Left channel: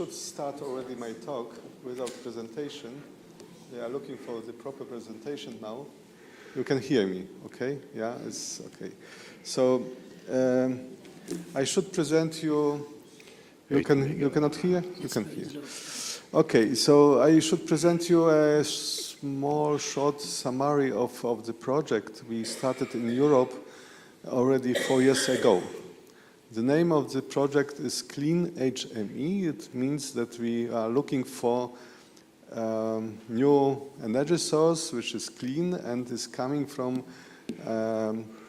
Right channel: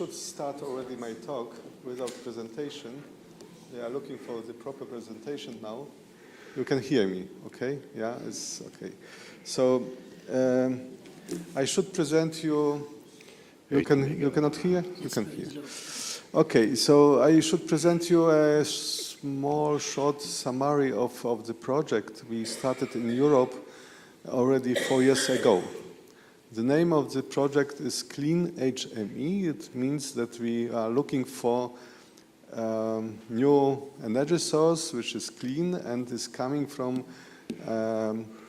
should start already my talk without presentation. They are looking for the proper presentation now. You can hear me, okay? Yeah, it's okay. So I should present you. You cannot hear? You can hear. Okay, so I should present you a small, short summary of the project we started in Europe already 4 years ago. The name of the project is CleanHME. It means that we are looking for new energy source which is clean and is coming from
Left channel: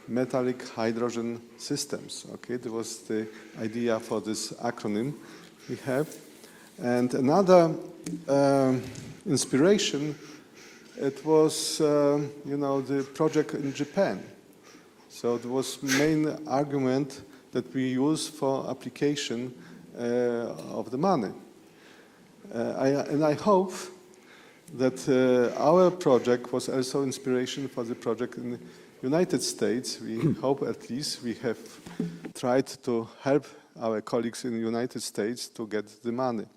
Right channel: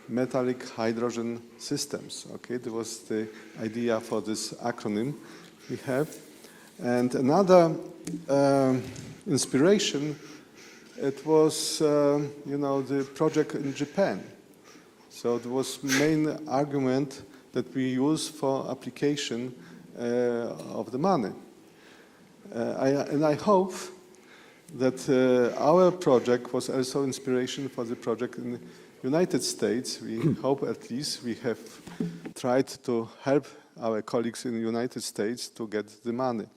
metallic hydrogen systems. Okay, that was the idea for this acronym we have. And another inspiration, it was the project in Japan. So it was main argument that we use for application of the money. And I hope that our project was also inspiration for the project in the United States. We hope at least we have tried to help our colleagues in the United States to get the money.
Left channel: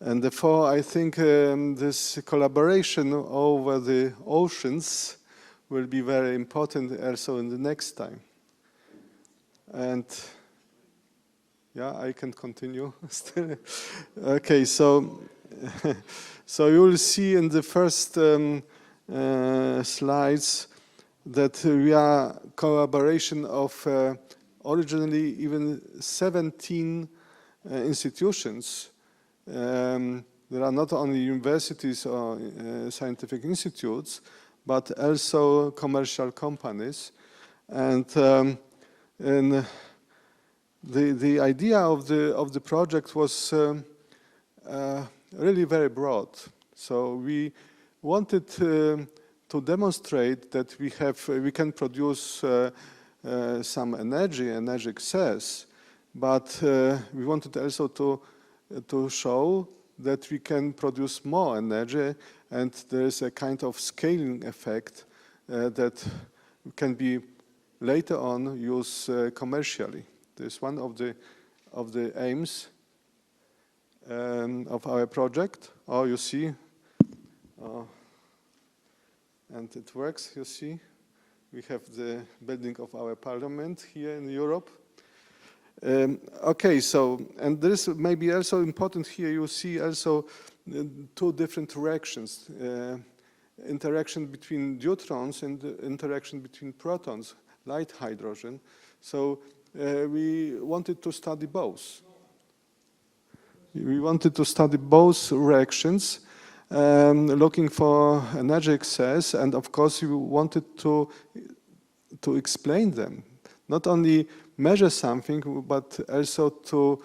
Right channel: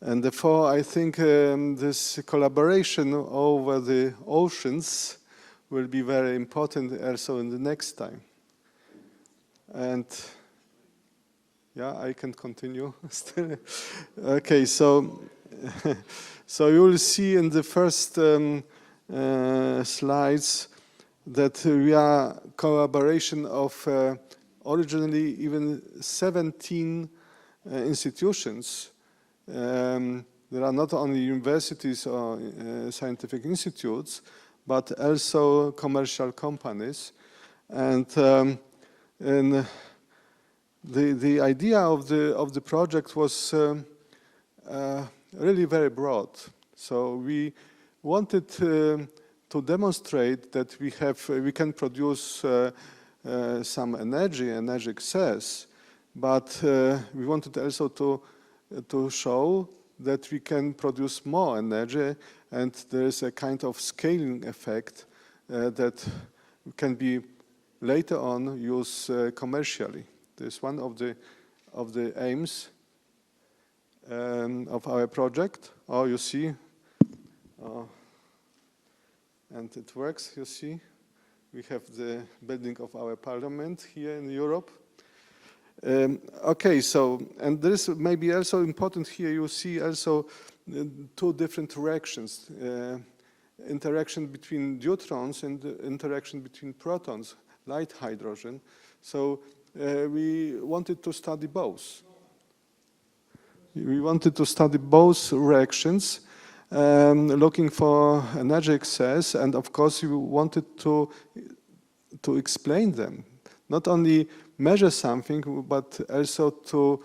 And therefore, I think this collaboration over the oceans will be very important also in the next time. And yeah, I can continue still. Okay, so you will see in the first slides that we are collaboration of originally even 17 institutions. There are not only universities or scientific institutes, but also commercial companies. And the idea of the project was really very broad. So we wanted to demonstrate that we can produce some energy excess, but we wanted also to show that we can produce more energy, and there is a kind of scaling effect that can be later on used commercially. This is one of the aims of our project. Oh, you see, and it works. You see, we have the building of our parliament here in Europe. Okay, so, and this may be also important here, you see also two different directions. Interaction between deuterons and the interaction between protons, light hydrogen. So we wanted to study both. We wanted to study both reactions, looking for energy excess, and of course we wanted to explain them. Not only measure something, but also to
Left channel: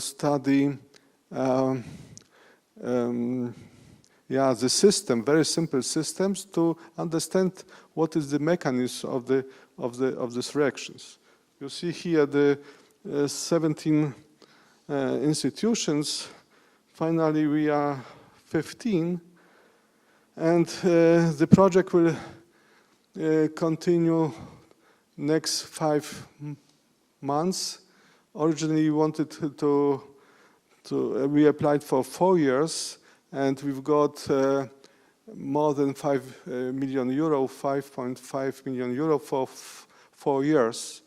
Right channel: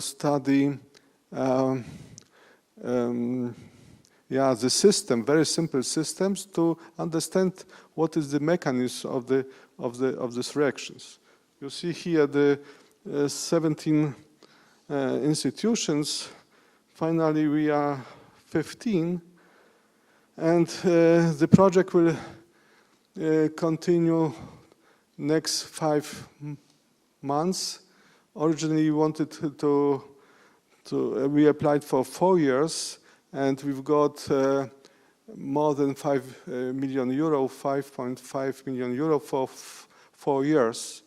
study the system, very simple systems, to understand what is the mechanism of these reactions. You see here the 17 institutions. Finally, we are 15, and the project will continue next 5 months. Originally, we wanted we applied for 4 years, and we've got more than 5 million euro, 5.5 million euro for 4 years.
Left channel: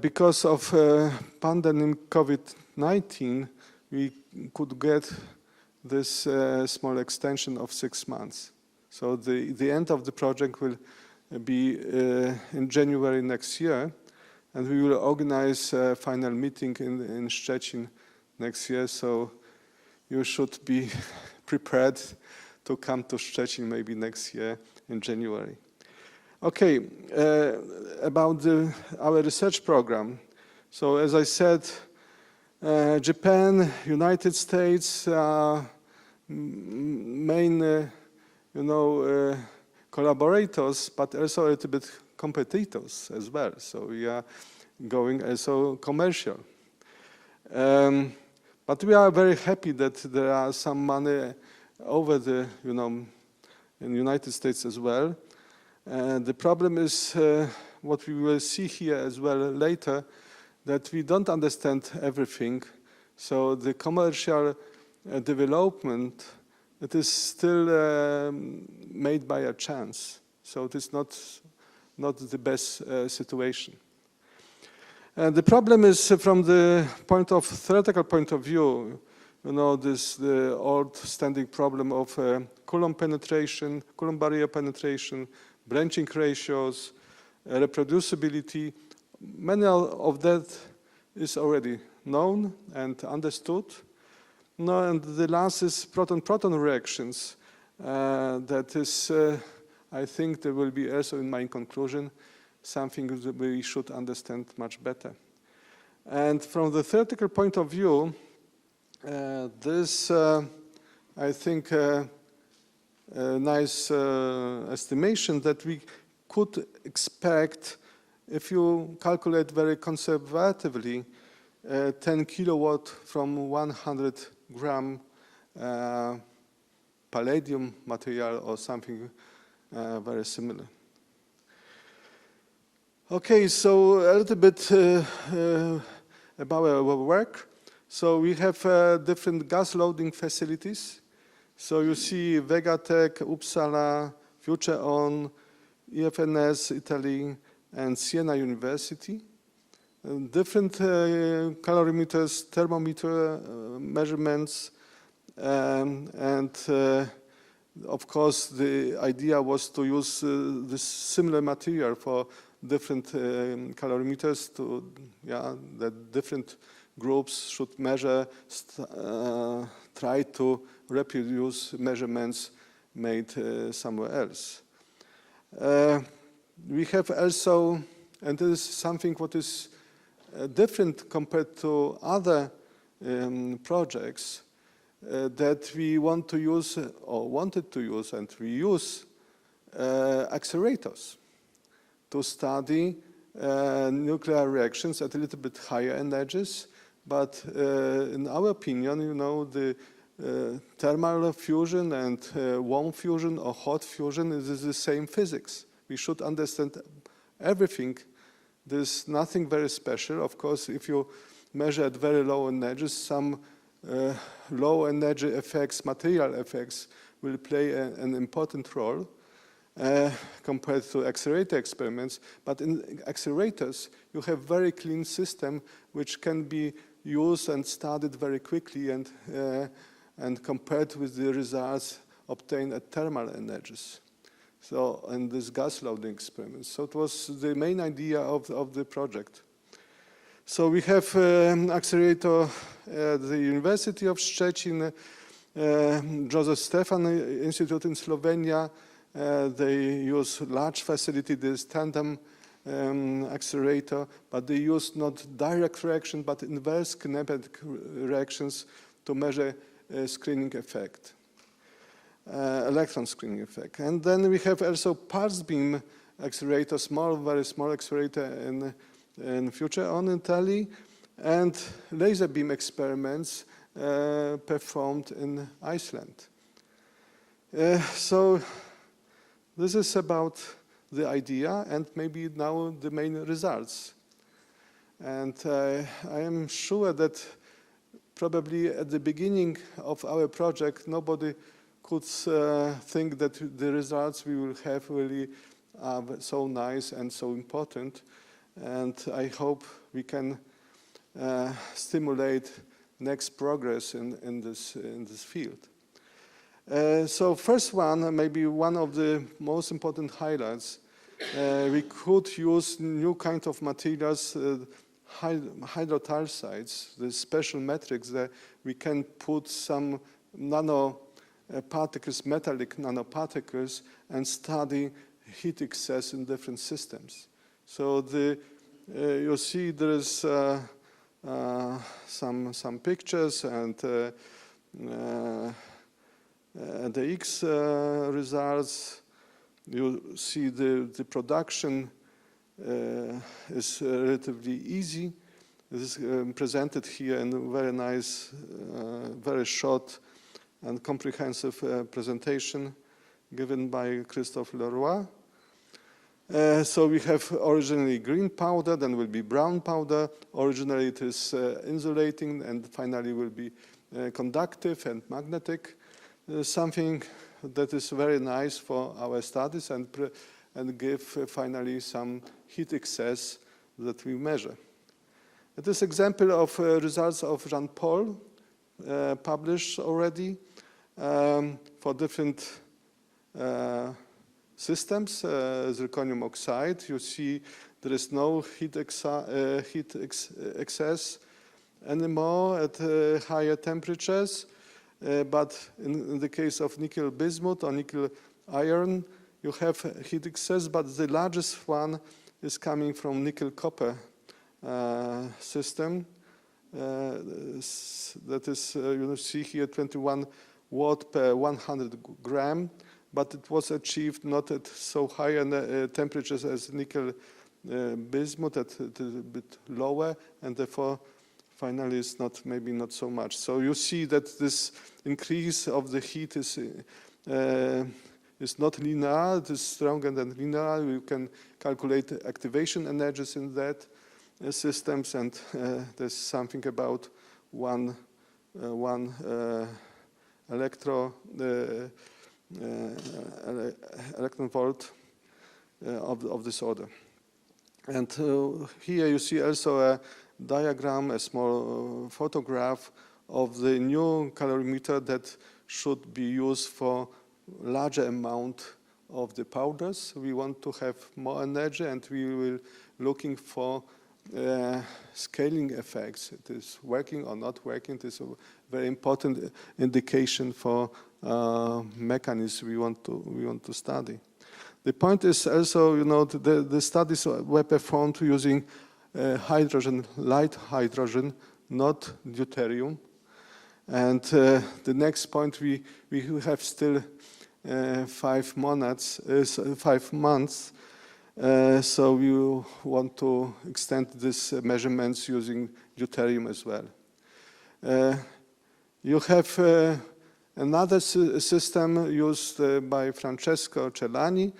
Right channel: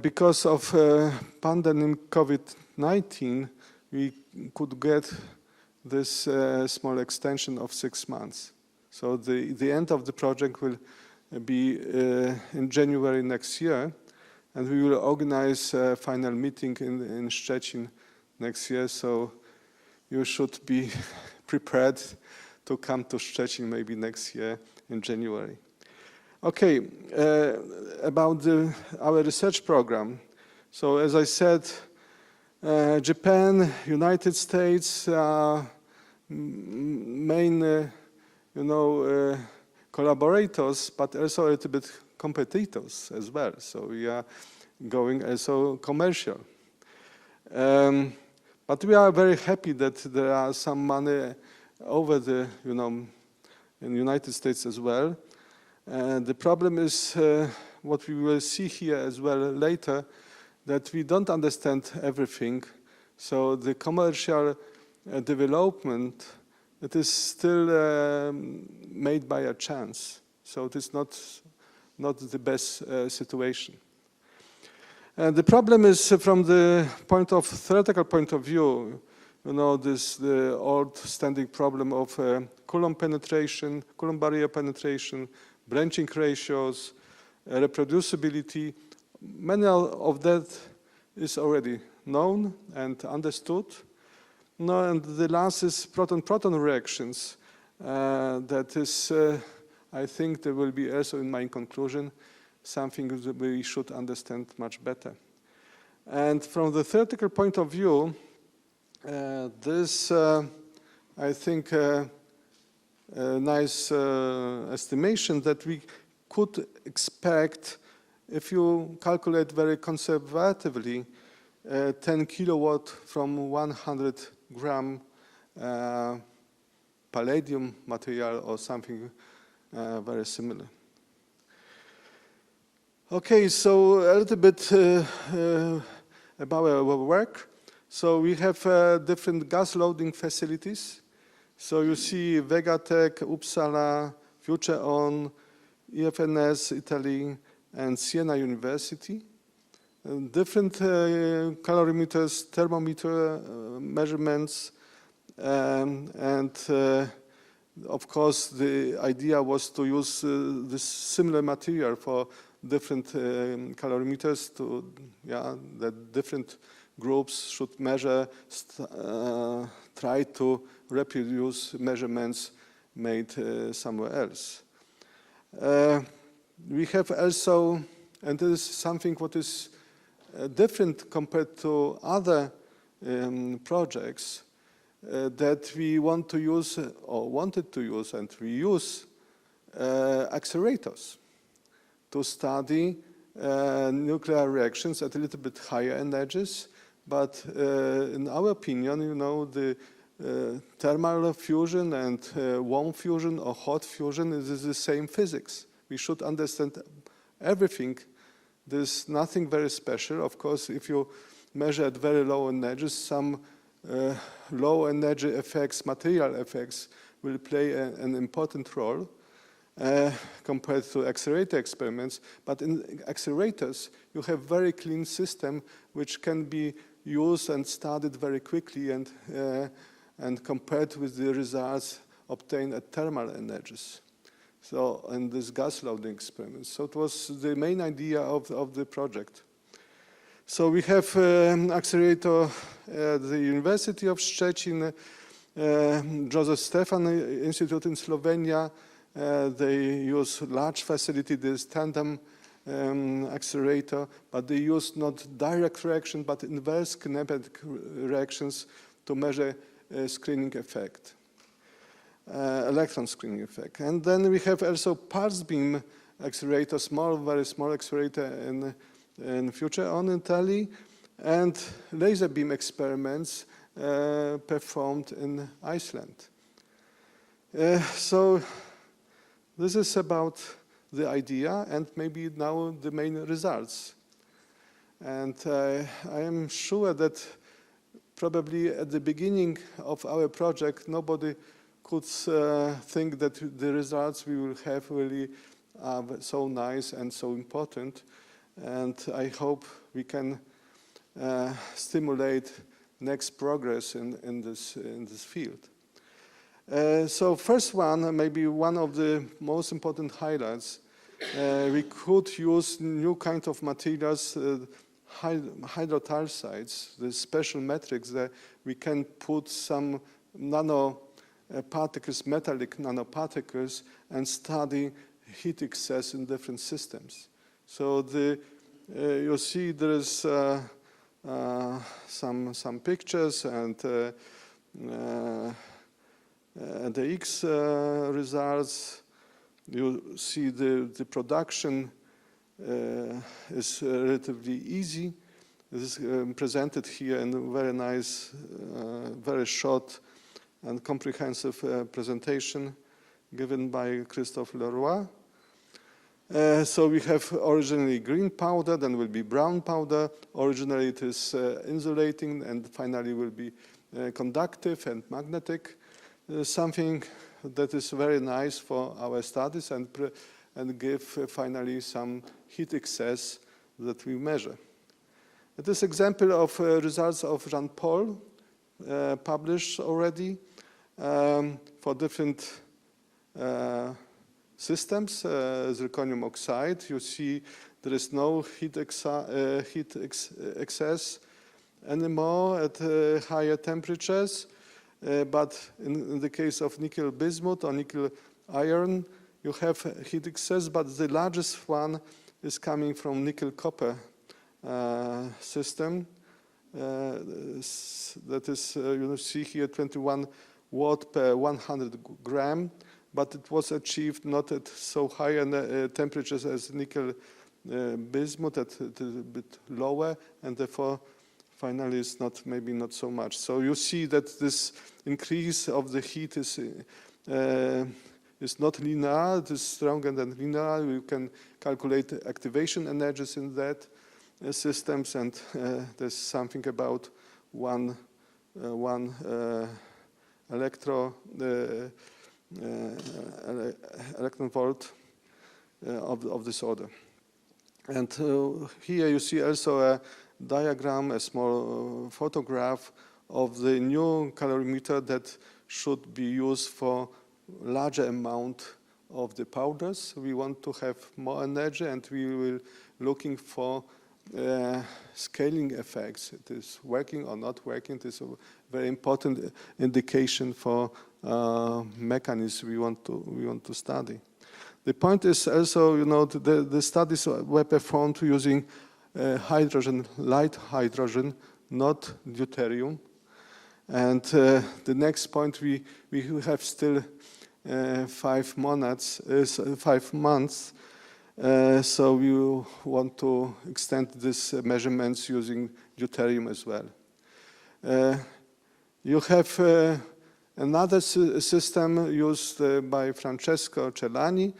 Because of pandemic COVID-19, we could get this small extension of 6 months. So the end of the project will be in January next year, and we will organize a final meeting in Szczecin next year, so you should be prepared to come to Szczecin maybe next year in January. Okay, about our research program. So as I said, Japan, United States are main collaborators, but also a little bit competitors as well. So we are going also commercial. But we are very happy that there are some money over the, in the United States as well. The problem is what we will see here as well later, that we don't understand everything. So the commercial development, it is still made by a chance. So it is not the best situation. And the problem is from the theoretical point of view, you know, the old standing problem of Coulomb penetration, Coulomb barrier penetration, branching ratios, reproducibility. Many of that is already known and understood. No, and the last is proton-proton reactions. That is, I think there will be also in my conclusion something that we should understand much better. And from the theoretical point of view, this, I think, a nice estimation that we could expect, if you calculate very conservatively, 10 kilowatt from 100 gram palladium material or something very similar. Okay, so a little bit about our work. So we have different gas loading facilities. So you see Vegatech, Uppsala, FutureOn, EFNS, Italy, and Siena University. And different calorimeters, thermometer measurements, and of course the idea was to use this similar material for different calorimeters that different groups should measure, try to reproduce measurements made somewhere else. We have also, and this is something what is different compared to other projects, that we want to use, or wanted to use, and we use accelerators to study nuclear reactions at a little bit higher energies. But in our opinion, you know, the thermal fusion and warm fusion or hot fusion is the same physics. We should understand everything. There's nothing very special. Of course, if you measure at very low energies, some low energy effects, material effects, will play an important role compared to accelerator experiments. But in accelerators, you have very clean system which can be used and studied very quickly and compared with the results obtained at thermal energies. So, and this gas loading experiments. So it was the main idea of the project. So we have accelerator at the University of Szczecin, Joseph Stefan Institute in Slovenia. They use large facility, this tandem accelerator, but they use not direct reaction, but inverse kinematic reactions to measure screening effect, electron screening effect. And then we have also pulse beam accelerator, small, very small accelerator in FutureOn in Italy, and laser beam experiments performed in Iceland. So this is about the idea and maybe now the main results. And I am sure that probably at the beginning of our project, nobody could think that the results we will have really are so nice and so important. And I hope we can stimulate next progress in this field. So first one, maybe one of the most important highlights, we could use new kind of materials, hydrotarsides, the special metrics that we can put some nanoparticles, metallic nanoparticles, and study heat excess in different systems. So you see there is some pictures and the X results. You see the production is relatively easy. This is presented here in a very nice, very short and comprehensive presentation given by Christophe Leroy. So we have originally green powder, then will be brown powder. Originally it is insulating, and finally will be conductive and magnetic. Something that is very nice for our studies and give finally some heat excess that we measure. This example of results of Jean-Paul published already for different systems, zirconium oxide. You see there is no heat excess anymore at higher temperatures, but in the case of nickel bismuth or nickel iron, you have heat excess, but the largest one is coming from nickel copper system. That is, you see here 21 watt per 100 gram, but it was achieved not at so high temperatures as nickel bismuth, at a bit lower, and therefore finally it's maybe not so much. So you see that this increase of the heat is not linear, it is stronger than linear. You can calculate activation energies in that systems, and there's something about one electron volt of this order. And here you see also a diagram, a small photograph of the new calorimeter that should be used for larger amount of the powders. We want to have more energy, and we will looking for scaling effects. It is working or not working. It is a very important indication for mechanisms we want to study. The point is also, the studies were performed using hydrogen, light hydrogen, not deuterium. And the next point, we have still 5 months, so we want to extend these measurements using deuterium as well. You have another system used by Francesco Celani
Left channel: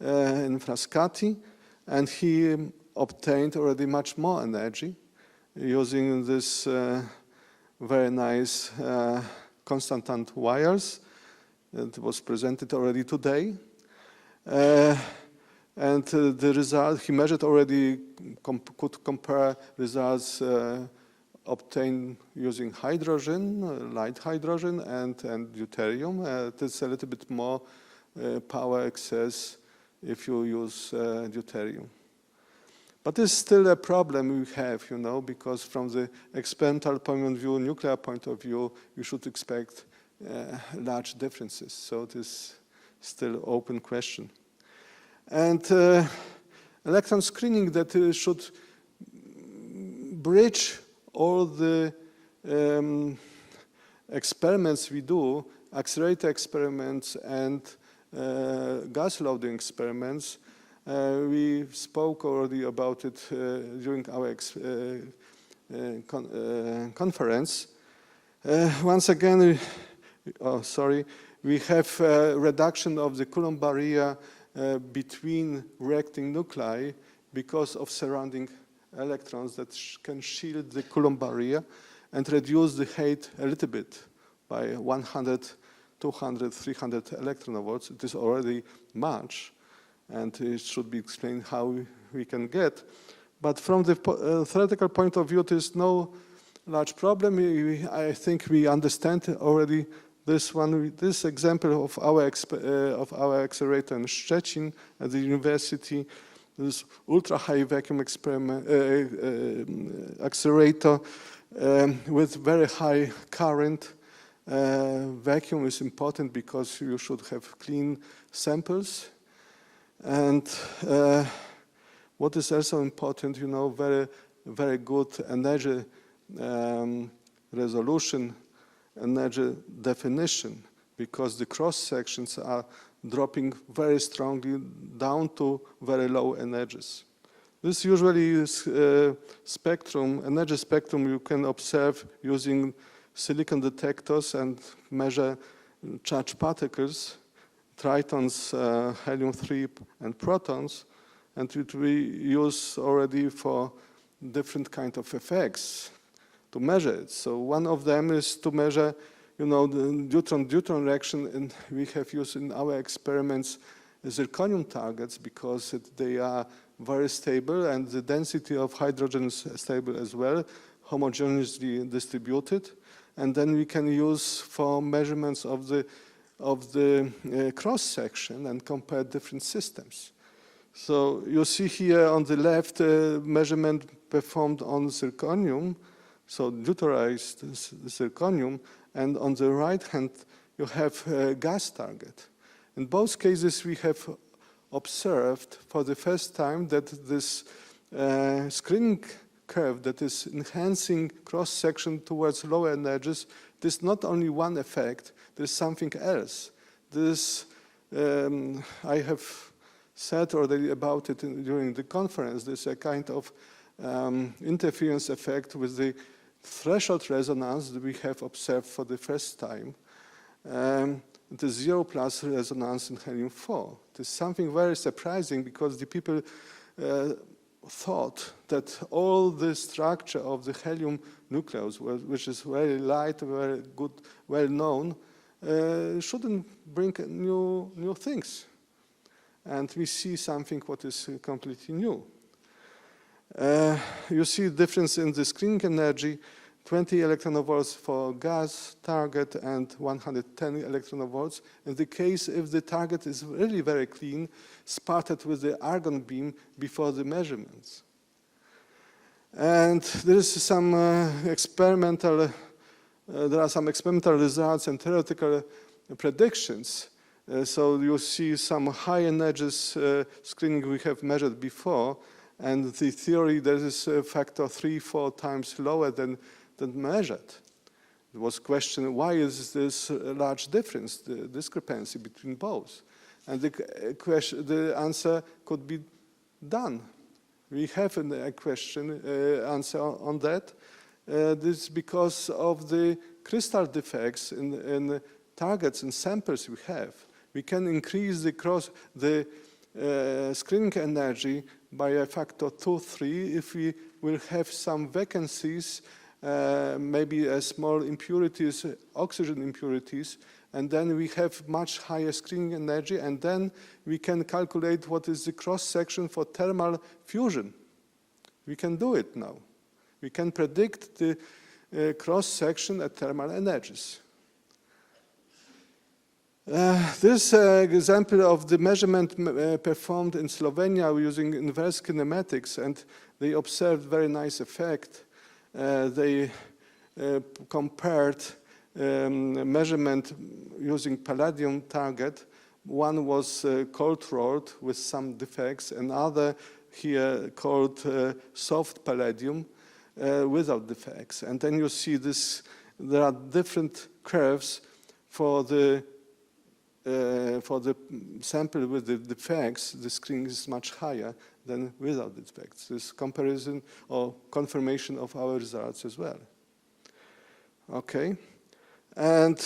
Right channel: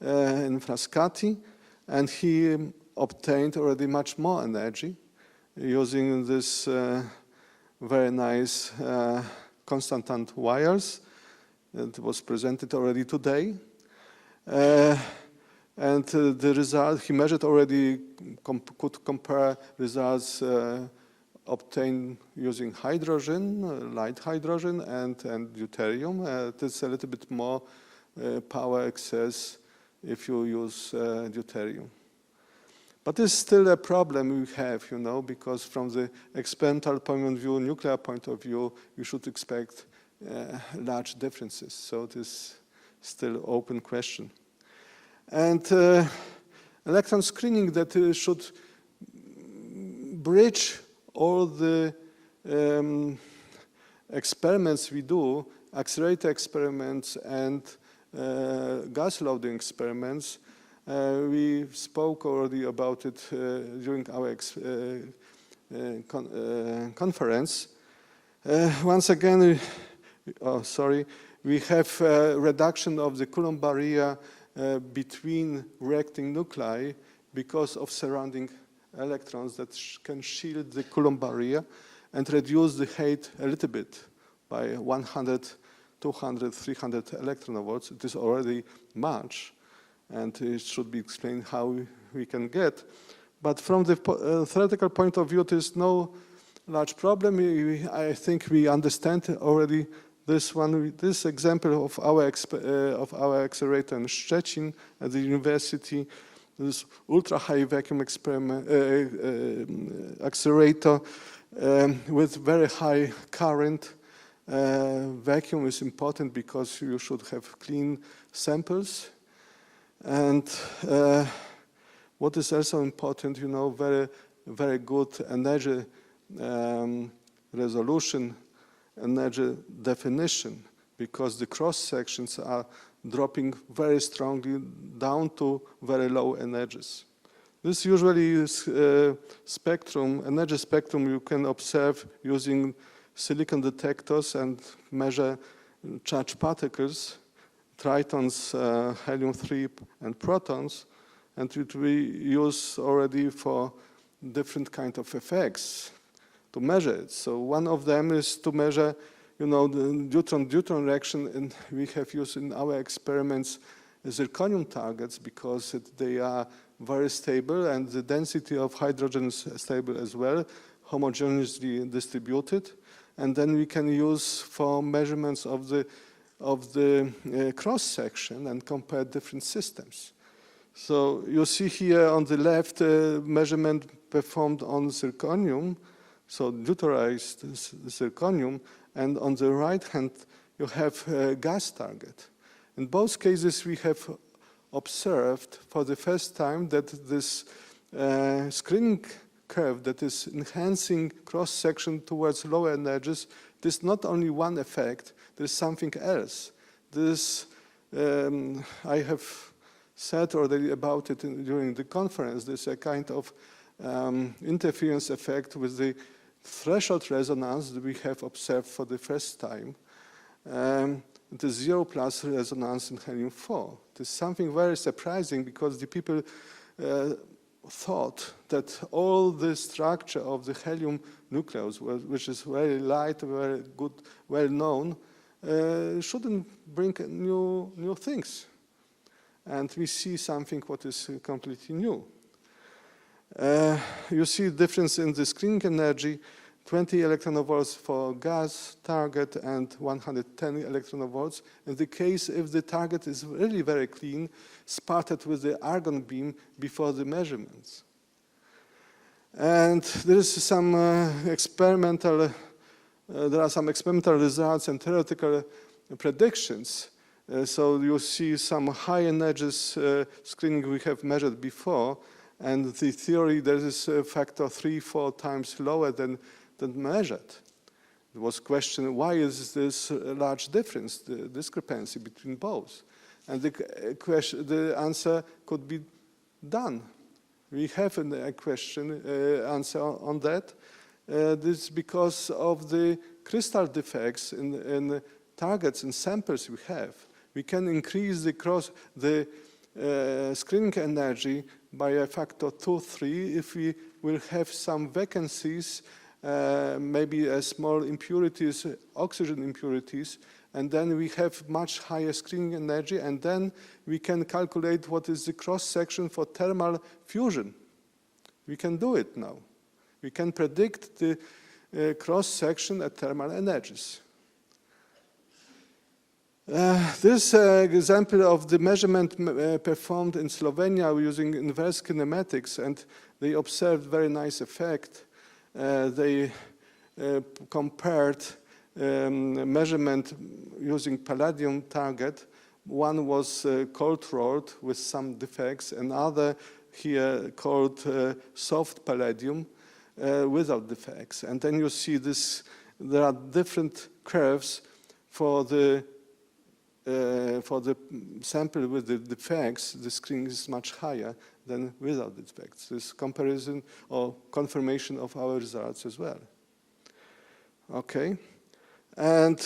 in Frascati, and he obtained already much more energy using this very nice constantant wires that was presented already today. And the result, he measured already, could compare results obtained using hydrogen, light hydrogen, and deuterium. It's a little bit more power excess if you use deuterium. But there's still a problem we have, because from the experimental point of view, nuclear point of view, you should expect large differences. So it is still open question. And electron screening that should bridge all the experiments we do, accelerator experiments and gas loading experiments. We spoke already about it during our conference. Once again, we have a reduction of the Coulomb barrier between reacting nuclei because of surrounding electrons that can shield the Coulomb barrier and reduce the height a little bit by 100, 200, 300 electron volts. It is already much, and it should be explained how we can get. But from the theoretical point of view, there is no large problem. I think we understand already this one, this example of our accelerator in Szczecin at the university, this ultra-high vacuum accelerator with very high current. Vacuum is important because you should have clean samples. And what is also important, very, very good energy resolution, energy definition, because the cross sections are dropping very strongly down to very low energies. This usually is spectrum, energy spectrum you can observe using silicon detectors and measure charged particles, tritons, helium-3 and protons. and it we use already for different kind of effects to measure it. So one of them is to measure, the deuteron reaction, and we have used in our experiments zirconium targets because they are very stable and the density of hydrogen is stable as well, homogeneously distributed. And then we can use for measurements of the cross section and compare different systems. So you see here on the left measurement performed on zirconium, so deuterized zirconium, and on the right hand you have a gas target. In both cases we have observed for the first time that this screening curve that is enhancing cross-section towards lower energies, there's not only one effect, there's something else. This, I have said already about it during the conference, there's a kind of interference effect with the threshold resonance that we have observed for the first time. The 0+ resonance in helium-4. It is something very surprising because the people thought that all the structure of the helium nucleus, which is very light, very good, well known, shouldn't bring new things. And we see something what is completely new. You see difference in the screening energy, 20 electronvolts for gas target and 110 electronvolts. In the case if the target is really very clean, spotted with the argon beam before the measurements. And there is some experimental results and theoretical predictions. So you see some high energies screening we have measured before, and the theory there is a factor 3-4 times lower than measured. There was question, why is this a large difference, the discrepancy between both? And the answer could be done. We have an answer on that. This is because of the crystal defects in targets and samples we have. We can increase the screening energy by a factor 2-3 if we will have some vacancies, maybe small impurities, oxygen impurities, and then we have much higher screening energy, and then we can calculate what is the cross-section for thermal fusion. We can do it now. We can predict the cross-section at thermal energies. This example of the measurement performed in Slovenia using inverse kinematics, and they observed very nice effect. They compared measurement using palladium target. One was cold rolled with some defects, another here called soft palladium without defects. And then you see this, there are different curves for the sample with the defects. The screening is much higher than without defects. This comparison or confirmation of our results as well. Okay, and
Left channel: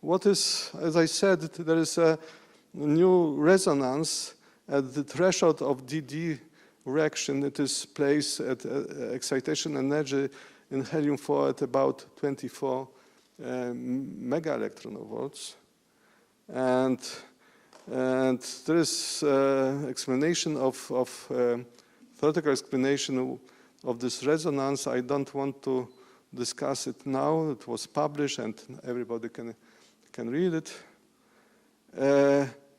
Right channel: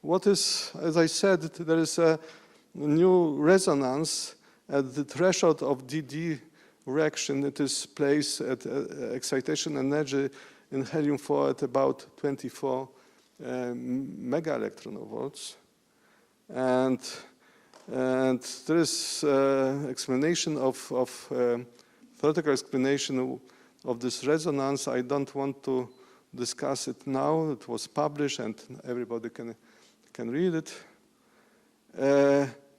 what is, as I said, there is a new resonance at the threshold of DD reaction. It is placed at excitation energy in helium-4 at about 24 mega electronvolts. And there is explanation theoretical explanation of this resonance. I don't want to discuss it now. It was published and everybody can read it.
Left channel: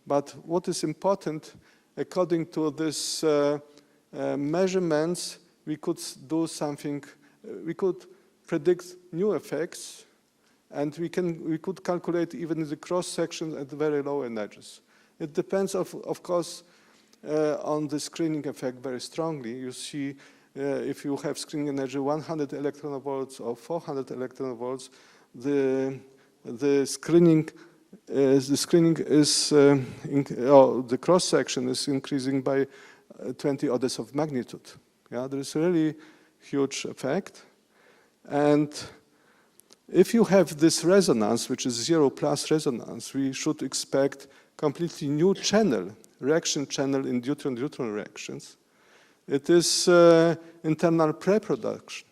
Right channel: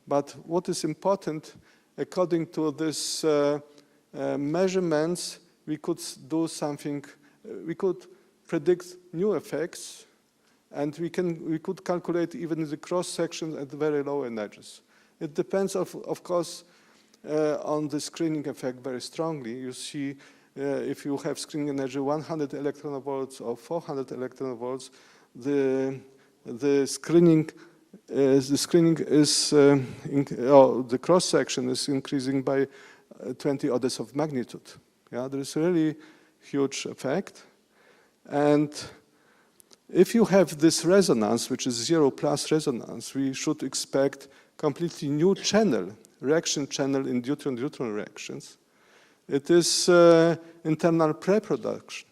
But what is important, according to this measurements, we could do something. We could predict new effects, and we could calculate even the cross section at very low energies. It depends, of course, on the screening effect very strongly. You see, if you have screening energy 100 electronvolts or 400 electronvolts, the screening is the cross section is increasing by 20 orders of magnitude. Yeah, there is a really huge effect, and if you have this resonance, which is 0+ resonance, we should expect completely new channel reaction channel in deuteron-deuteron reactions. It is internal pre-production.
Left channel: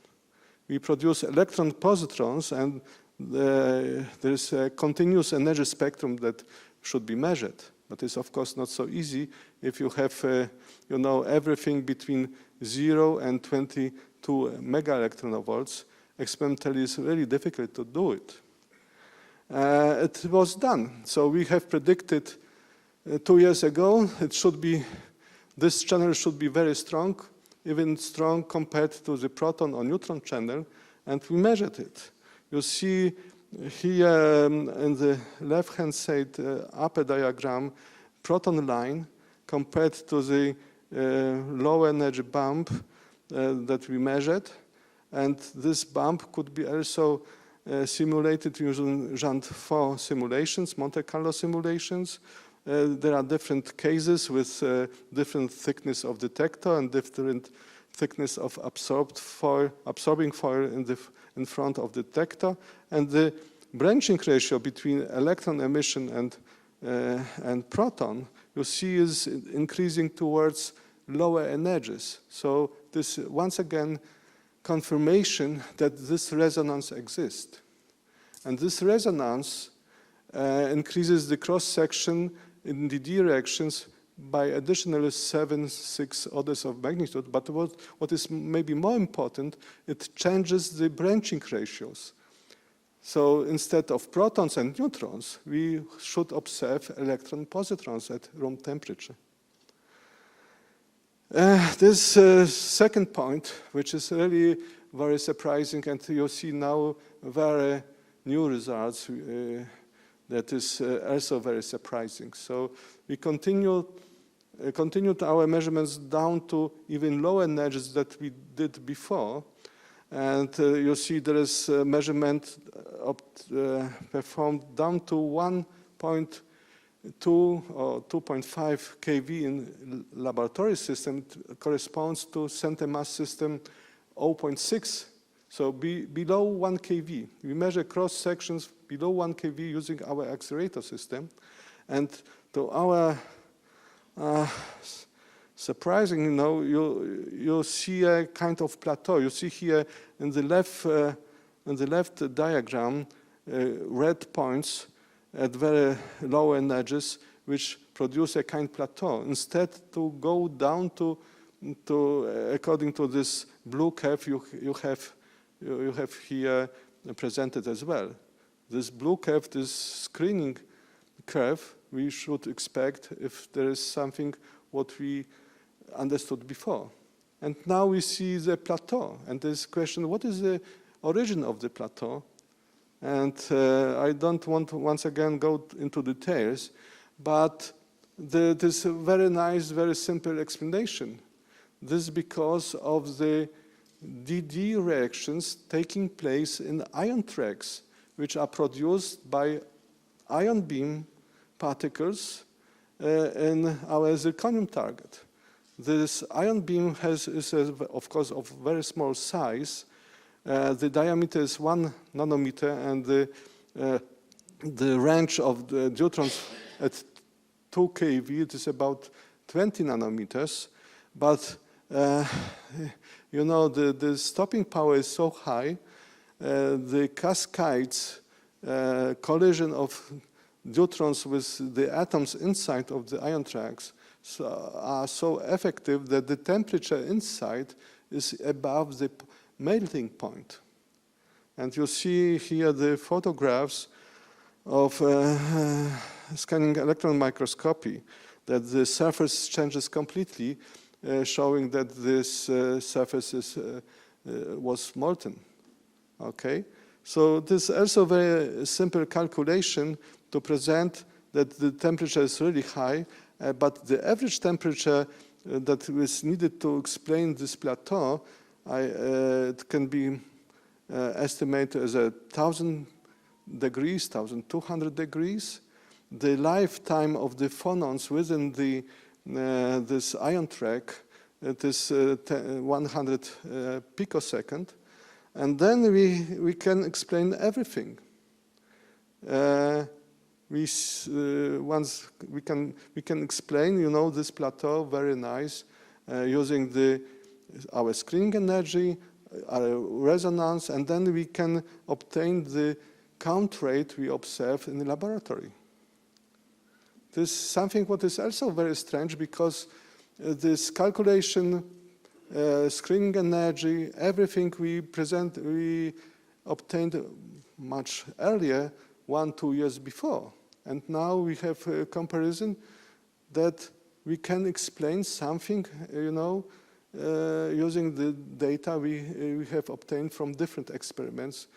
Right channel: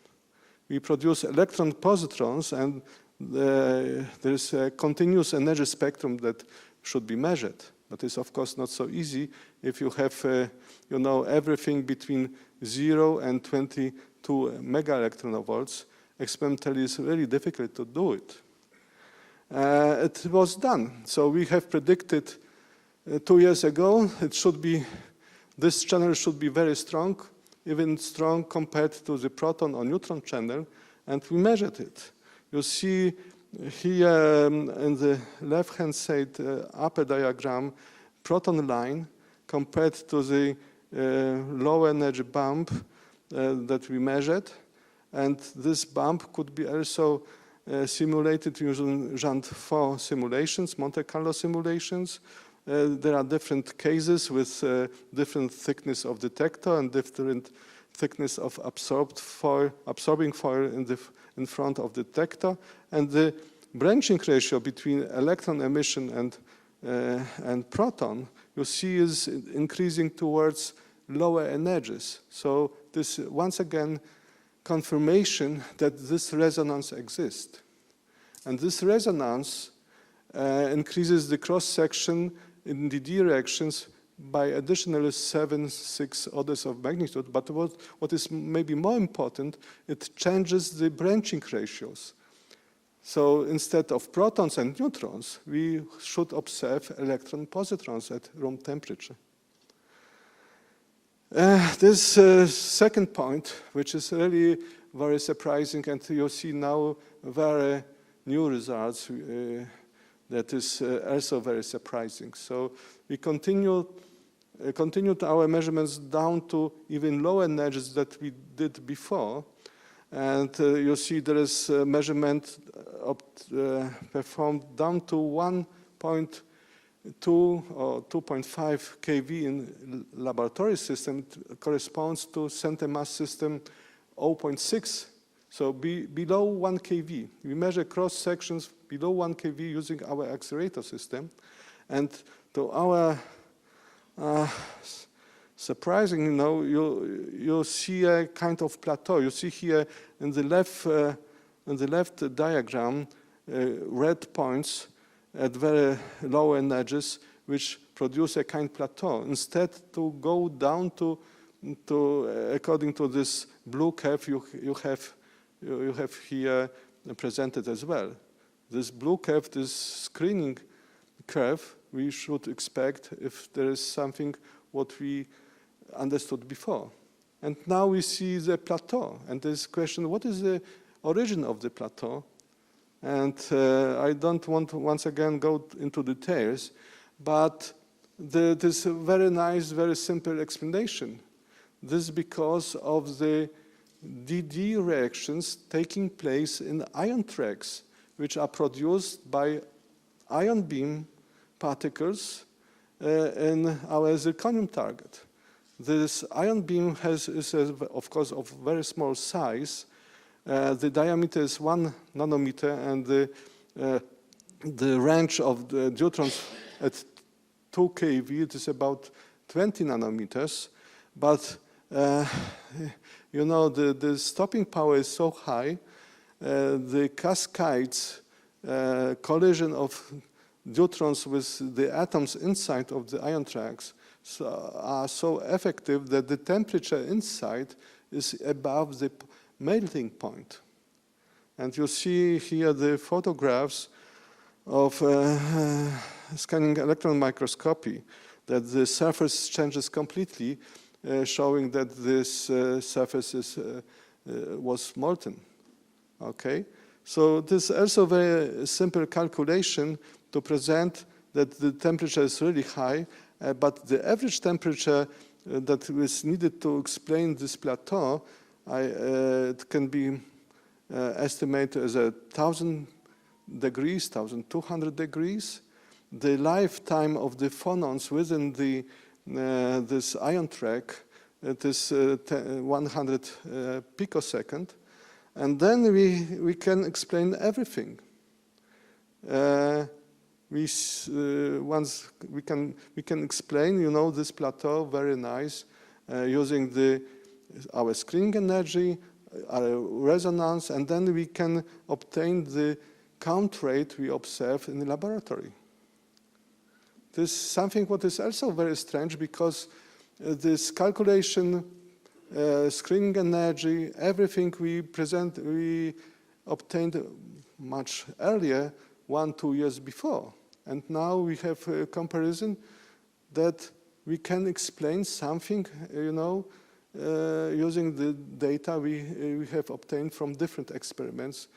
We produce electron-positrons, and there's a continuous energy spectrum that should be measured. But it's of course not so easy if you have, everything between 0 and 22 mega electronvolts. Experimentally, it's really difficult to do it. It was done. So we have predicted 2 years ago, this channel should be very strong, even strong compared to the proton or neutron channel, and we measured it. You see here in the left-hand side upper diagram, proton line compared to the low energy bump that we measured. And this bump could be also simulated using Jean-4 simulations, Monte Carlo simulations. There are different cases with different thickness of detector and different thickness of absorbing foil in front of the detector. And the branching ratio between electron emission and proton, you see, is increasing towards lower energies. So this, once again, confirmation that this resonance exists. And this resonance increases the cross-section in DD reactions by additional 6 orders of magnitude. But what is maybe more important, it changes the branching ratios. So instead of protons and neutrons, we should observe electron-positrons at room temperature. This second point, which is really very surprising, and you'll see now very new results, that is also very surprising. So we continued our measurements down to even lower energies that we did before. And you see there is a measurement performed down to 1.2 or 2.5 kV in laboratory system. It corresponds to center mass system 0.6, so below 1 kV. We measure cross sections below 1 kV using our accelerator system. And to our surprising, you see a kind of plateau. You see here in the left diagram, red points at very low energies, which produce a kind of plateau. Instead, to go down to according to this blue curve, you have here presented as well. This blue curve, this screening curve, we should expect if there is something what we understood before. And now we see the plateau. And this question, what is the origin of the plateau? And I don't want to once again go into details, but this very nice, very simple explanation. This is because of the DD reactions taking place in ion tracks, which are produced by ion beam particles in our zirconium target. This ion beam is of course, of very small size. The diameter is 1 nanometer, and the range of the deuterons at 2 kV, it is about 20 nanometers. But the stopping power is so high, the cascades, collision of deuterons with the atoms inside of the ion tracks are so effective that the temperature inside is above the melting point. And you see here the photographs of scanning electron microscopy, that the surface changes completely, showing that this surface was molten. Okay, so this is also a very simple calculation to present that the temperature is really high, but the average temperature that is needed to explain this plateau, it can be estimated as 1,000 degrees, 1,200 degrees. The lifetime of the phonons within this ion track, that is 100 picosecond. And then we can explain everything. once we can explain, this plateau very nice using our screening energy, our resonance, and then we can obtain the count rate we observe in the laboratory. This is something what is also very strange, because this calculation, screening energy, everything we obtained much earlier, 1-2 years before. And now we have a comparison that we can explain something, using the data we have obtained from different experiments,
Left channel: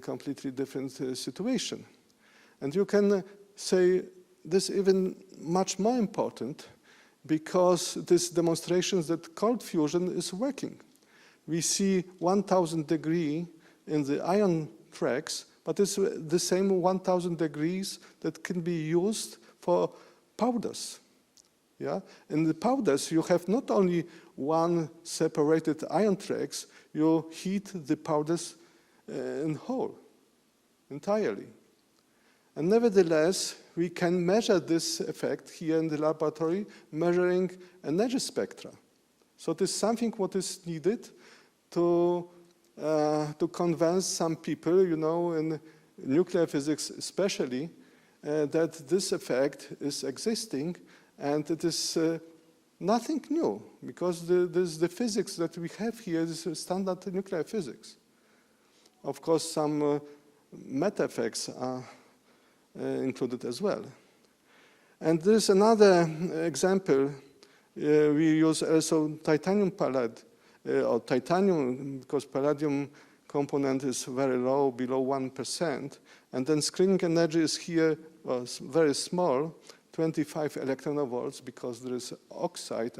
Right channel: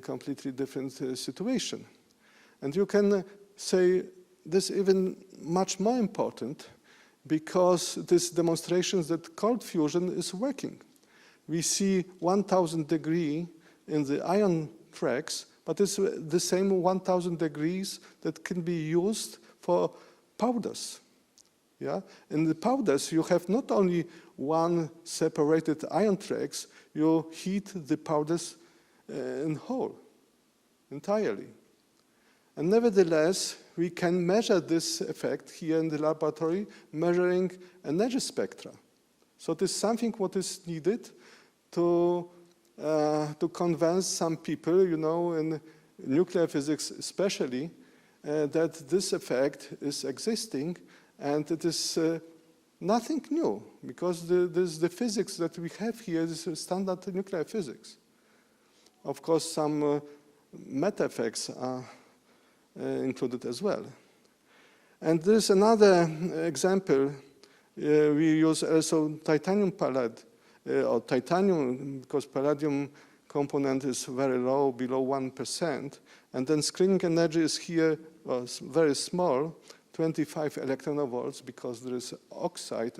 completely different situation. And you can say this even much more important, because this demonstrates that cold fusion is working. We see 1000 degrees in the ion tracks, but it's the same 1000 degrees that can be used for powders. Yeah? In the powders, you have not only one separated ion tracks, you heat the powders in whole, entirely. And nevertheless, we can measure this effect here in the laboratory, measuring energy spectra. So it is something what is needed to convince some people, in nuclear physics especially, that this effect is existing, and it is nothing new, because the physics that we have here is standard nuclear physics. Of course, some meta effects are included as well. And there's another example. We use also titanium pallet, or titanium, because palladium component is very low, below 1%. And then screening energy is here very small, 25 electronvolts, because there is oxide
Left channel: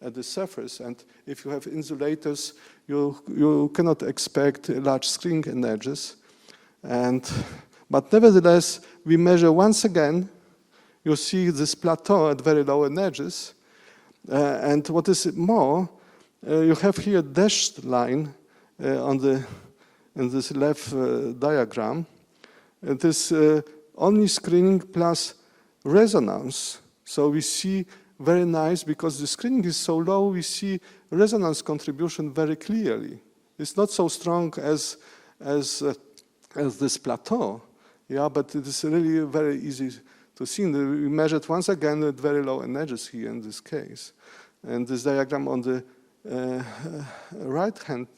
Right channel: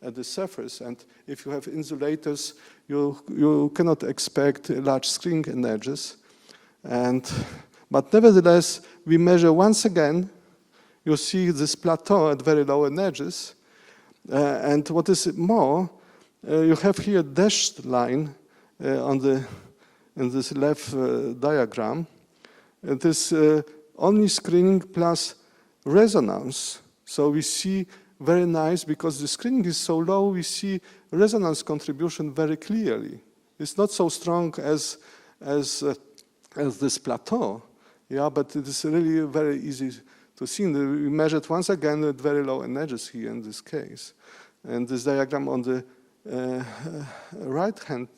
at the surface. And if you have insulators, you cannot expect large screening energies. But nevertheless, we measure once again, you see this plateau at very low energies. And what is more, you have here a dashed line in this left diagram. It is only screening plus resonance. So we see very nice, because the screening is so low, we see resonance contribution very clearly. It's not so strong as this plateau, yeah, but it is really very easy to see. We measured once again at very low energies here in this case. And this diagram on the right-hand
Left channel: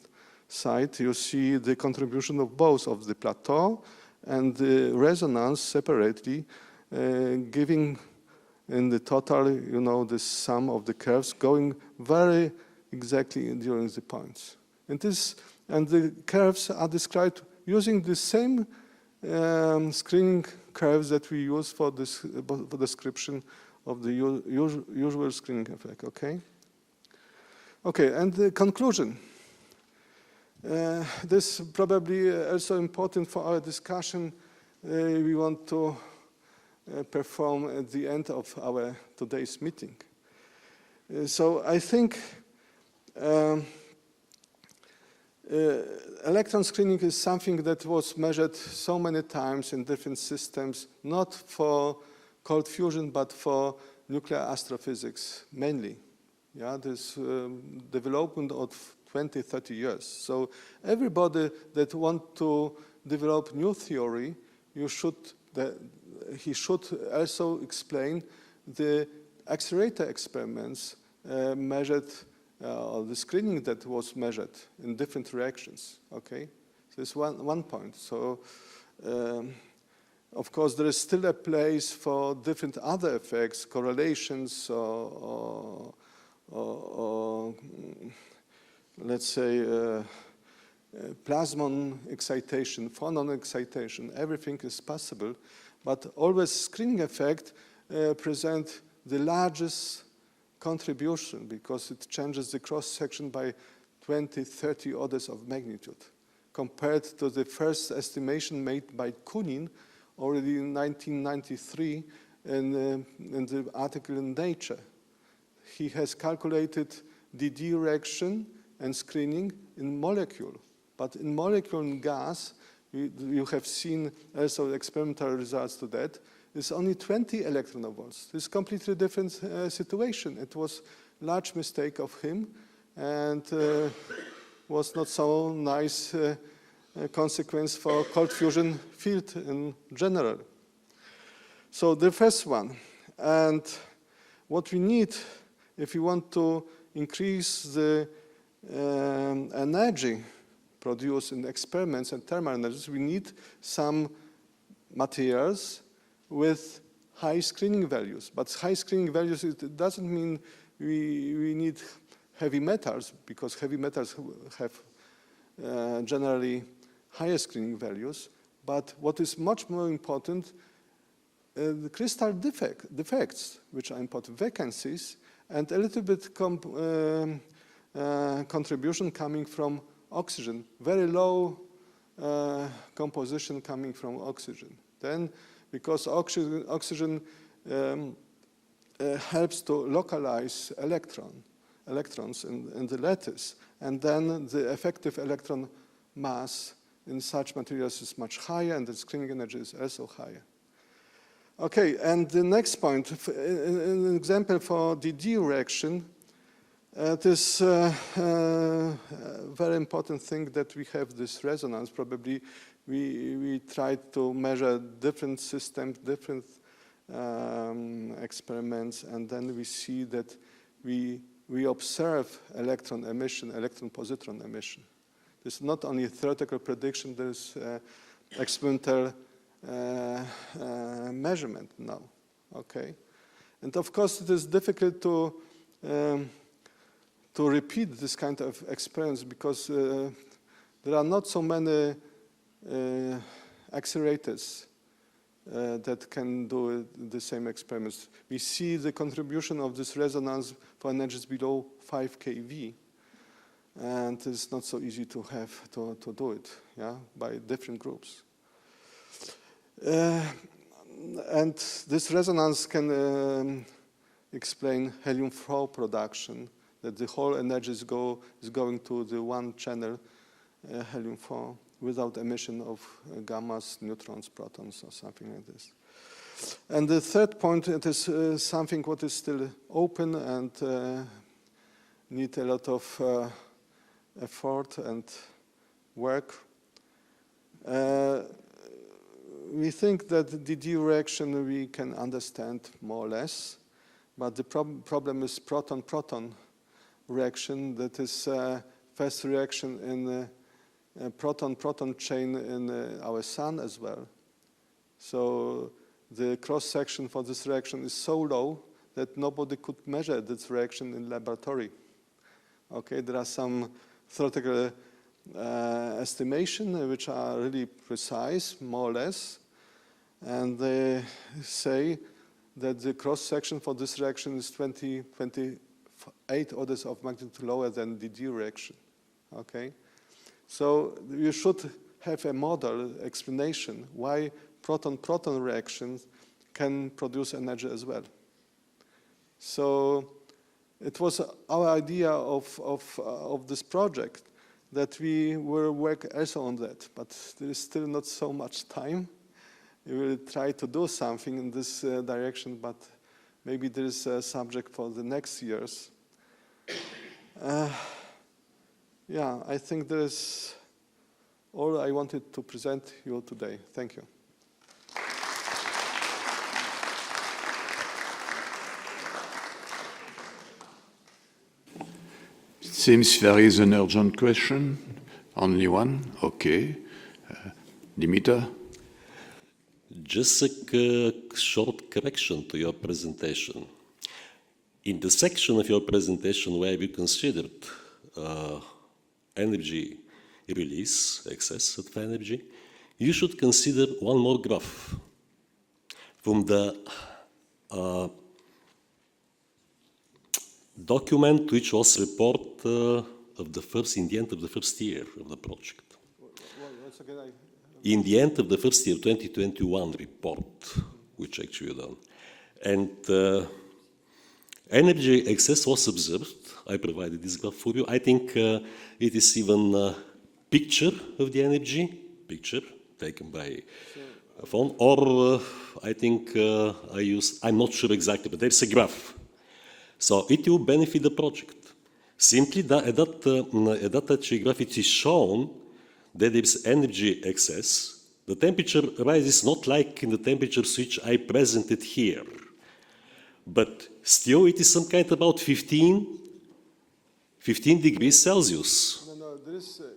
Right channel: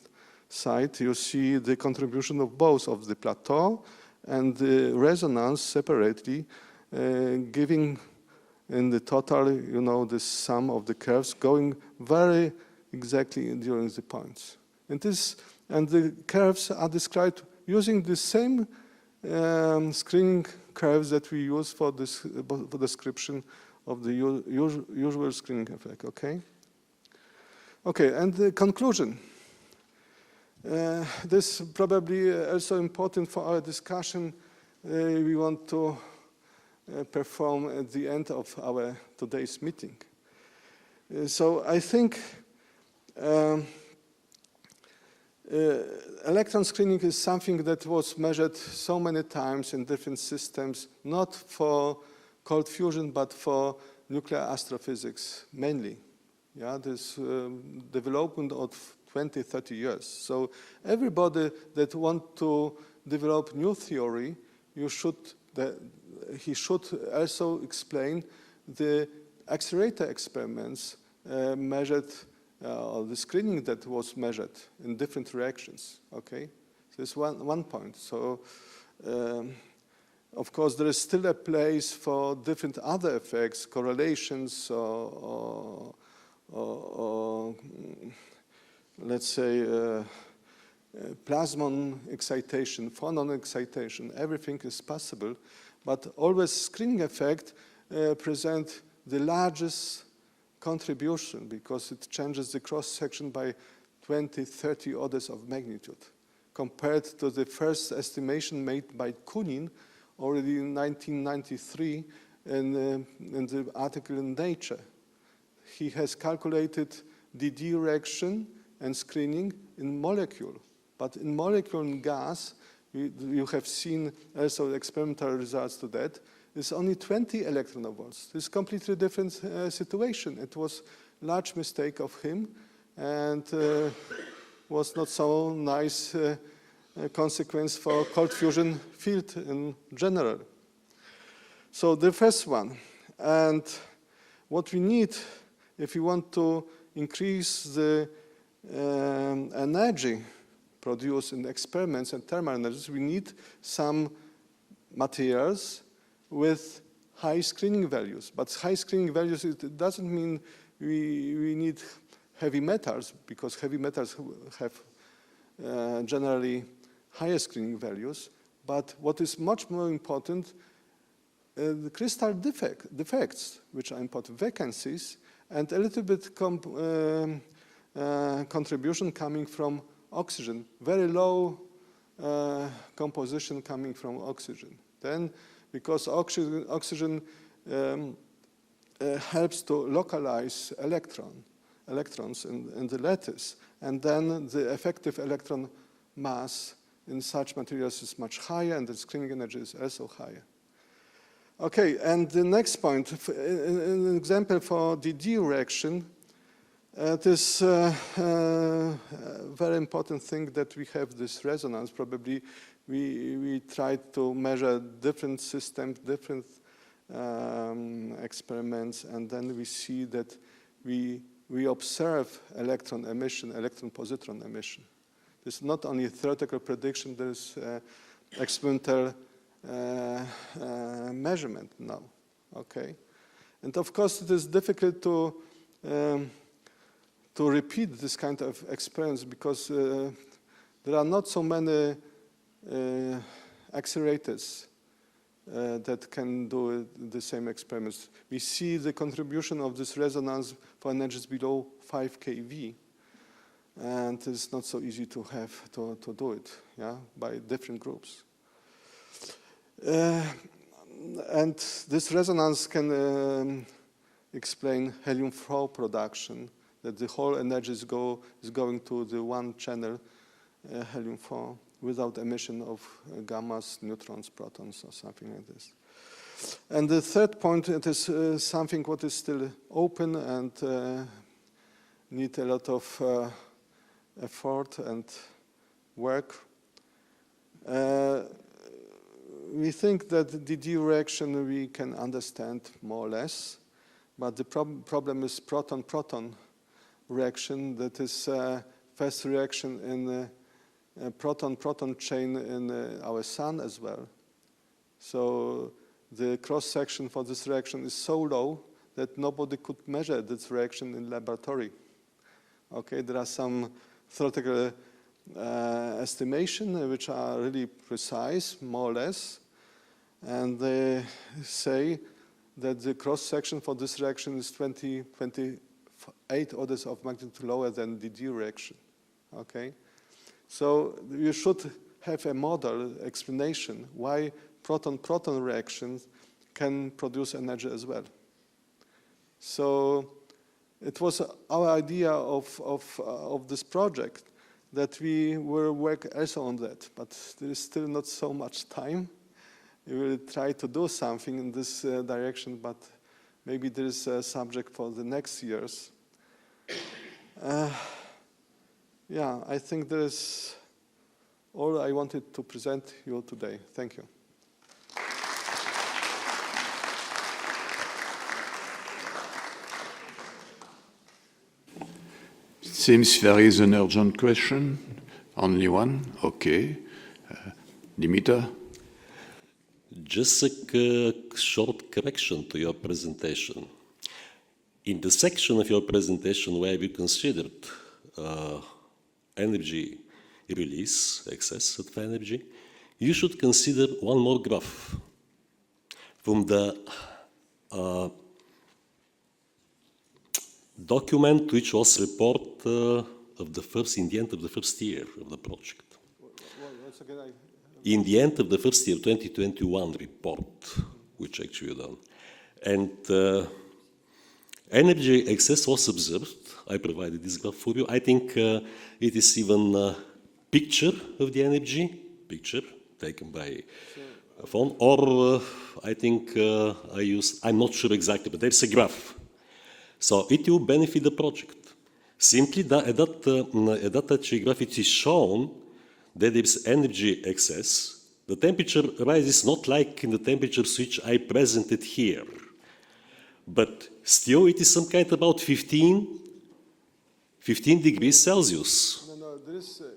side, you see the contribution of both of the plateau and the resonance separately, giving in the total, the sum of the curves going very exactly during the points. And the curves are described using the same screening curves that we use for the description of the usual screening effect, okay? Okay, and the conclusion. This is probably also important for our discussion. We want to perform at the end of our today's meeting. So I think electron screening is something that was measured so many times in different systems, not for cold fusion, but for nuclear astrophysics mainly. Yeah, this development of 20, 30 years. So everybody that wants to develop new theory, he should also explain the accelerator experiments measured, the screening that was measured in different reactions, okay? So this is one point. So, of course, there is still a place for different other effects, correlations, or let's say, plasmon excitation, phonon excitation, everything is possible, but always screening effect present the largest contribution, because it changes the cross-section by 20, 30 orders of magnitude, compared to the first estimation made by Kunin already in 1993 in the article in Nature. He has calculated the direction and screening in molecule. But in molecule and gas, you have seen also experimental results to that, is only 20 electron volts. It's completely different situation. It was large mistake of him, and was not so nice consequence for cold fusion field in general. So the first one, and what we need if we want to increase the energy produced in experiments and thermal energies, we need some materials with high screening values. But high screening values, it doesn't mean we need heavy metals, because heavy metals have generally higher screening values. But what is much more important, the crystal defects, which are important, vacancies, and a little bit contribution coming from oxygen, very low composition coming from oxygen. Then, because oxygen helps to localize electrons in the lattice, and then the effective electron mass in such materials is much higher, and the screening energy is also higher. Okay, and the next point, an example for DD reaction, it is a very important thing that we have this resonance. Probably we tried to measure different systems, different experiments, and then we see that we observe electron emission, electron-positron emission. It's not only a theoretical prediction, there's experimental measurement now, okay? And of course it is difficult to repeat this kind of experience, because there are not so many accelerators that can do the same experiments. We see the contribution of this resonance for energies below 5 kV, and it's not so easy to have to do it, yeah, by different groups. And this resonance can explain helium-4 production, that the whole energy is going to the one channel helium-4 without emission of gammas, neutrons, protons, or something like this. And the third point, it is something what is still open and need a lot of effort and work. We think that the DD reaction we can understand more or less, but the problem is proton-proton reaction. That is first reaction in proton-proton chain in our sun as well. So the cross-section for this reaction is so low that nobody could measure this reaction in laboratory. Okay, there are some theoretical estimation which are really precise, more or less, and they say that the cross-section for this reaction is 28 orders of magnitude lower than the DD reaction. Okay, so you should have a model explanation why proton-proton reactions can produce energy as well. So it was our idea of this project that we will work also on that, but there is still not so much time. We will try to do something in this direction, but maybe there is a subject for the next years. Yeah, I think that is all I wanted to present you today. Thank you. Seems there is an urgent question. Only one? Okay. Dimitar? Just a short correction to your presentation. In the section of your presentation where we considered energy release, excess of energy, you should consider one more graph from the document which was report of the first, in the end of the first year of the project. In the end of the first year, 2021 report, which actually done. And energy excess was observed. I provided this graph for you. I think it is even a picture of the energy, picture, taken by a phone, or I think I'm not sure exactly, but there's a graph. So it will benefit the project. Simply at that actually graph it is shown that there's energy excess. The temperature rises not like in the temperatures which I presented here, but still it is some kind about 15 degrees Celsius.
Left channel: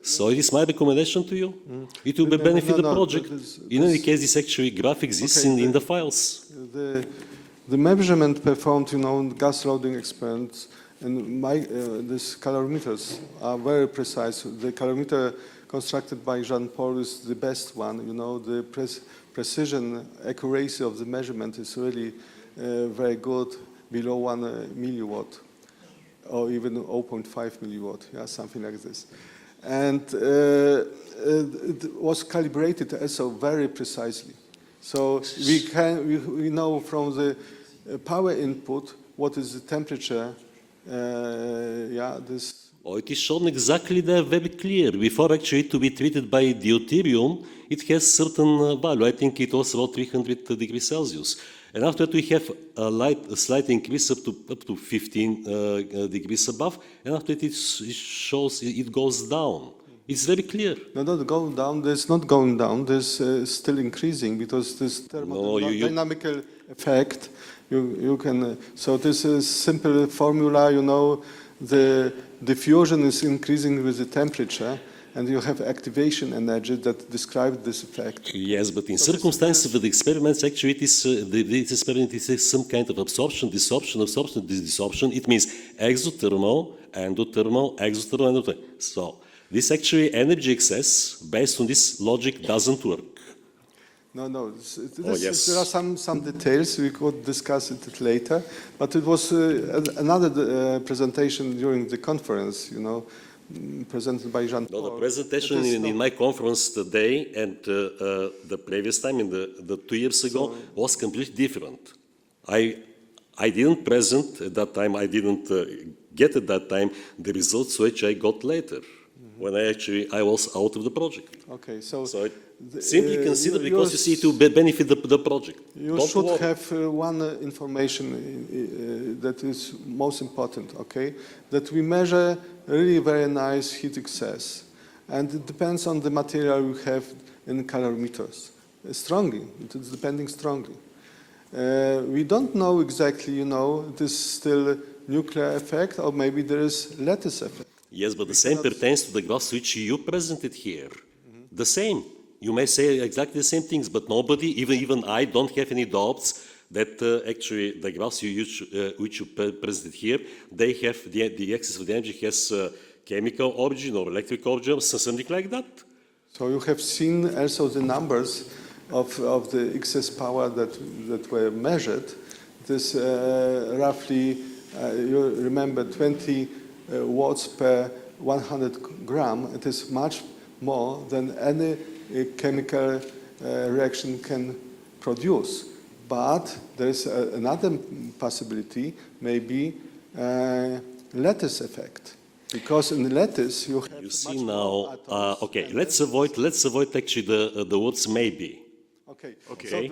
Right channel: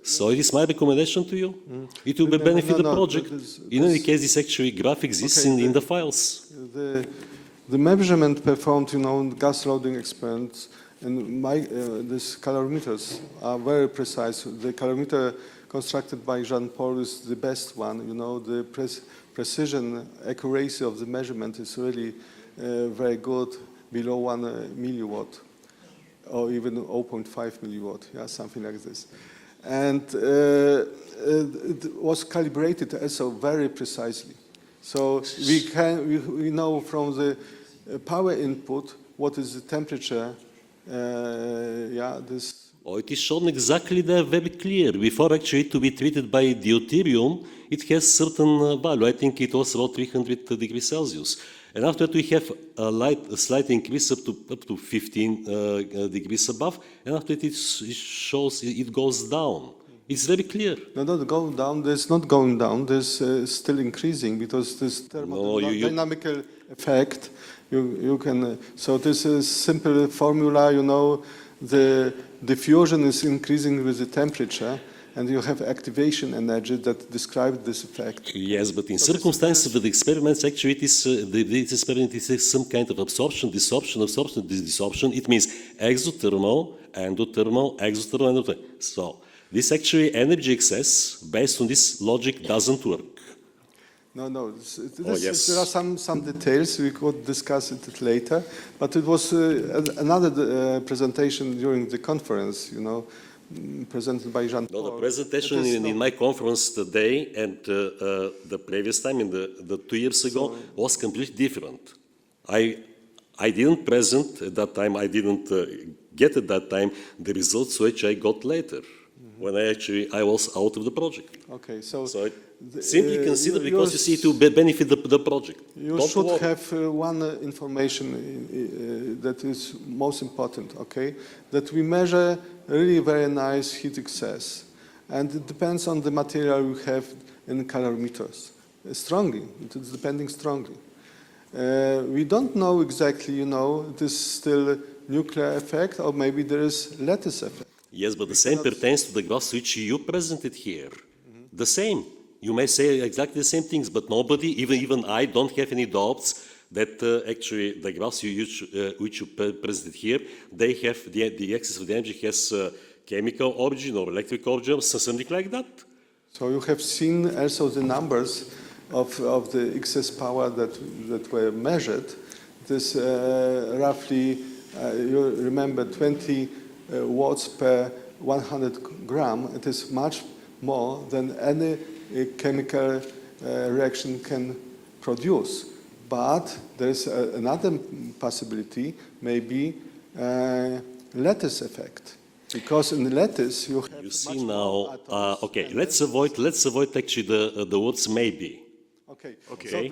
So it is my recommendation to you. It will benefit the project. In any case, this actually graph exists in the files. The measurement performed, in gas loading experiments and these calorimeters are very precise. The calorimeter constructed by Jean-Paul is the best one. The precision, accuracy of the measurement is really very good, below 1 milliwatt, or even 0.5 milliwatt, something like this. And it was calibrated also very precisely. So we know from the power input what is the temperature. It is shown exactly there, very clear. Before actually to be treated by deuterium, it has certain value. I think it was about 300 degrees Celsius. And after that we have a slight increase up to 15 degrees above, and after it shows it goes down. It's very clear. No, not going down. There's not going down. There's still increasing because this thermodynamical effect. You can. So this is simple formula. The diffusion is increasing with the temperature, and you have activation energy that describes this effect. Yes, but in circumstances of the experiments, actually, this experiment is some kind of absorption, desorption, absorption, desorption. It means exothermal, endothermal, exothermal, endothermal. So this actually energy excess, based on this logic, doesn't work. No. Yes. There are some details. We could discuss it later. But it was another presentation during the conference, presented by Jean-Paul. No, the presentation in my conference today and the previous time, the 2 years ago, was completely different. I didn't present at that time, I didn't get at that time the results which I got later, when I was out of the project. Okay, so simply consider, because you see, to benefit the project. You should have one information that is most important, okay? That we measure really very nice heat excess. And it depends on the material we have in calorimeters. Strongly, it is depending strongly. We don't know exactly, it is still nuclear effect, or maybe there is lattice effect. Yes, but the same pertains to the graphs which you presented here. The same. You may say exactly the same things, but nobody, even I, don't have any doubts that actually the graphs which you presented here, they have the excess of the energy has chemical origin or electric origin, or something like that. So you have seen also the numbers of the excess power that were measured. This roughly, you remember, 20 watts per 100 gram. It is much more than any chemical reaction can produce. But there is another possibility, maybe lattice effect. Because in the lattice you have. You see now. Okay, let's avoid actually the words maybe. Okay. So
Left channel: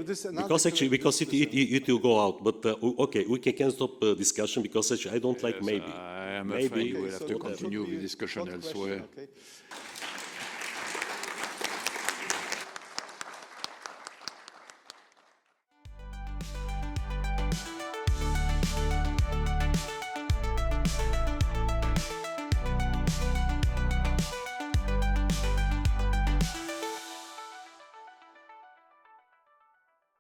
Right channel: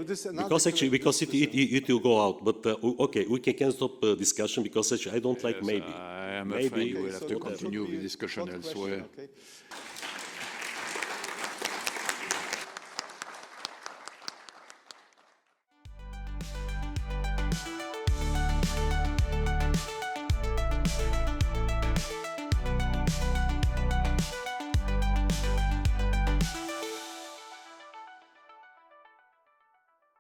because it will go out. But okay, we can stop discussion because actually I don't like maybe. I am afraid we'll have to continue the discussion elsewhere. Okay.